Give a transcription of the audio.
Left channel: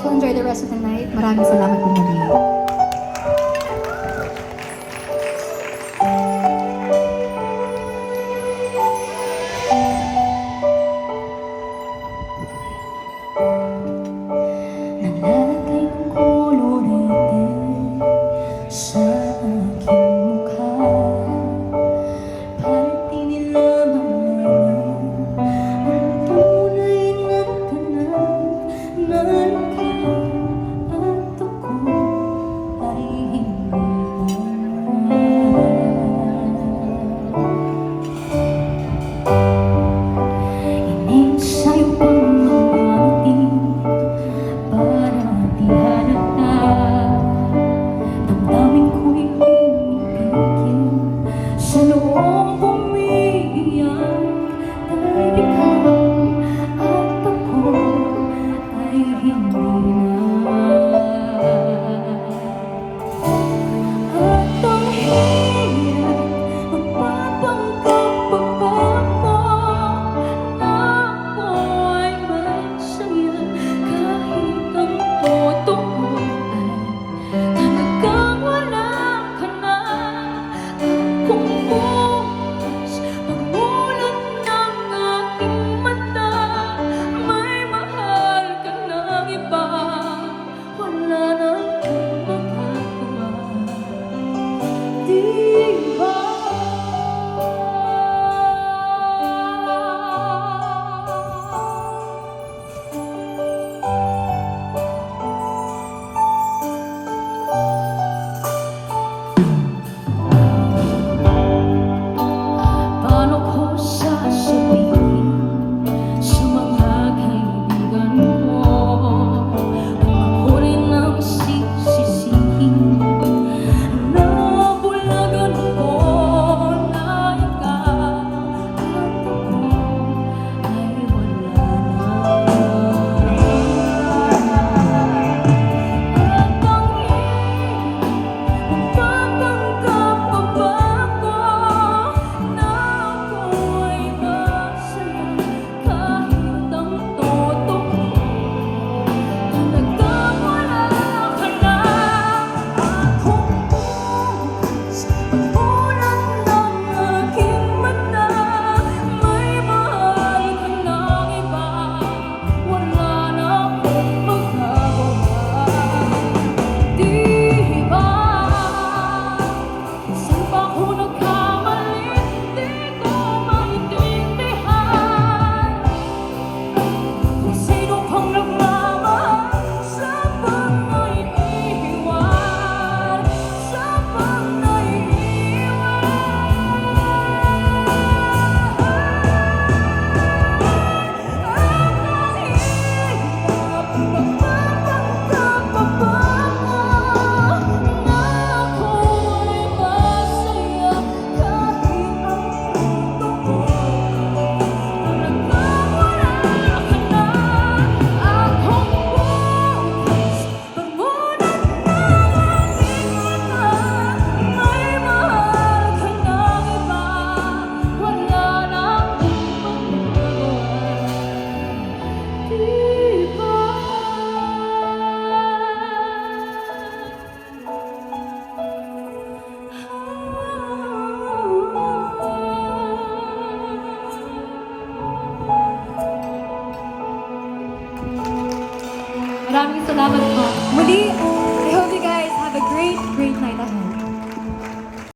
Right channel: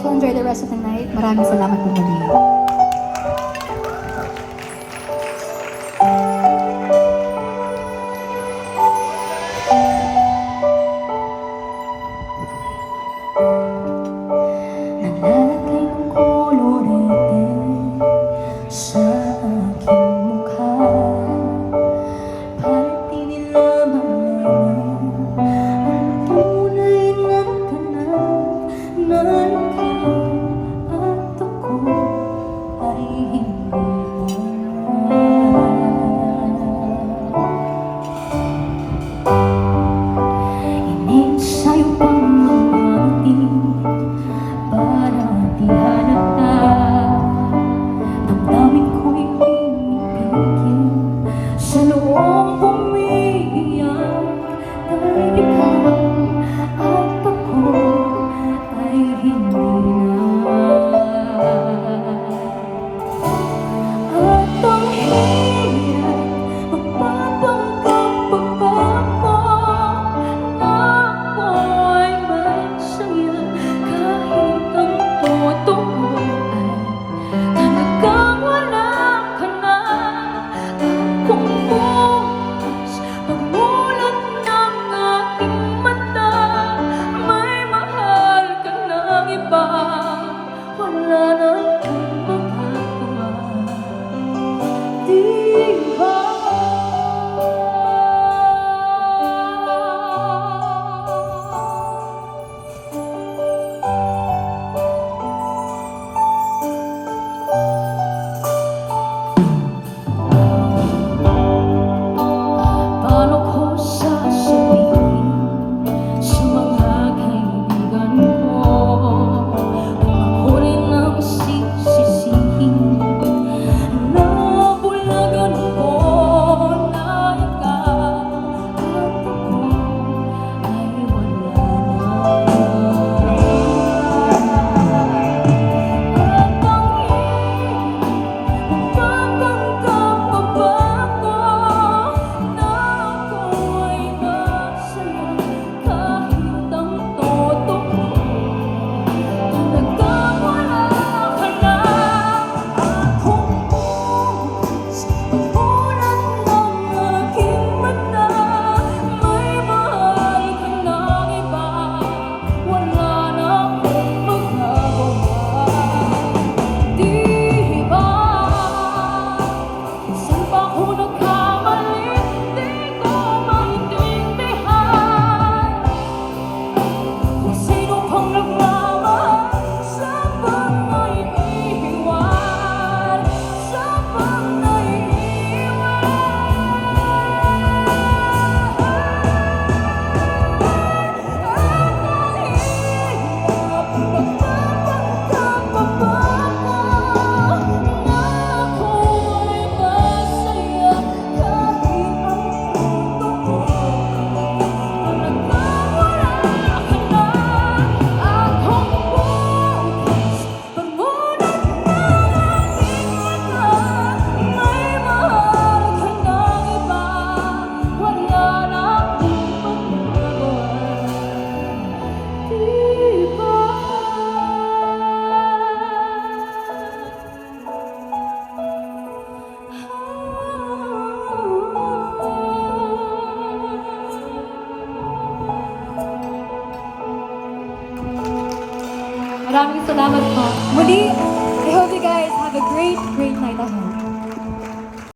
guys will enjoy the rest of the night. Maraming salamat po muli. Naglalagay ng kolorete sa aking mukha para di nila malaman ang tunay na tanan ng ikaw at ako ay hindi na. Ininsay pang mamating para di halata. Damdamin ko'y pinipigil sa loob umiiyak dahil ikaw at ako ay hindi na. At ang hirap magpapanggap pa ako na ako ay masaya kahit ang totoo ay talagang wala ka na. Kung bukas pagmulat ng aking mata may mahal ka ng iba, wala na akong magagawa, di ba? Paano ko sasabihin sa mga kaibigan ko kung ako rin ang sisisihin na bulagan ko na ikaw at ako ay wala na. Magpapanggap pa ba ako na ako ay masaya kahit ang totoo talagang wala ka na? Kung bukas pagmulat ng aking mata may mahal ka ng iba, wala na akong magagawa, di ba? Saan ba ako nagkamali? Di ko maintindihan kung sino pang nagmamahal sa pag-naiiwan, sa pag-naiiwan. Maraming salamat po. Muli,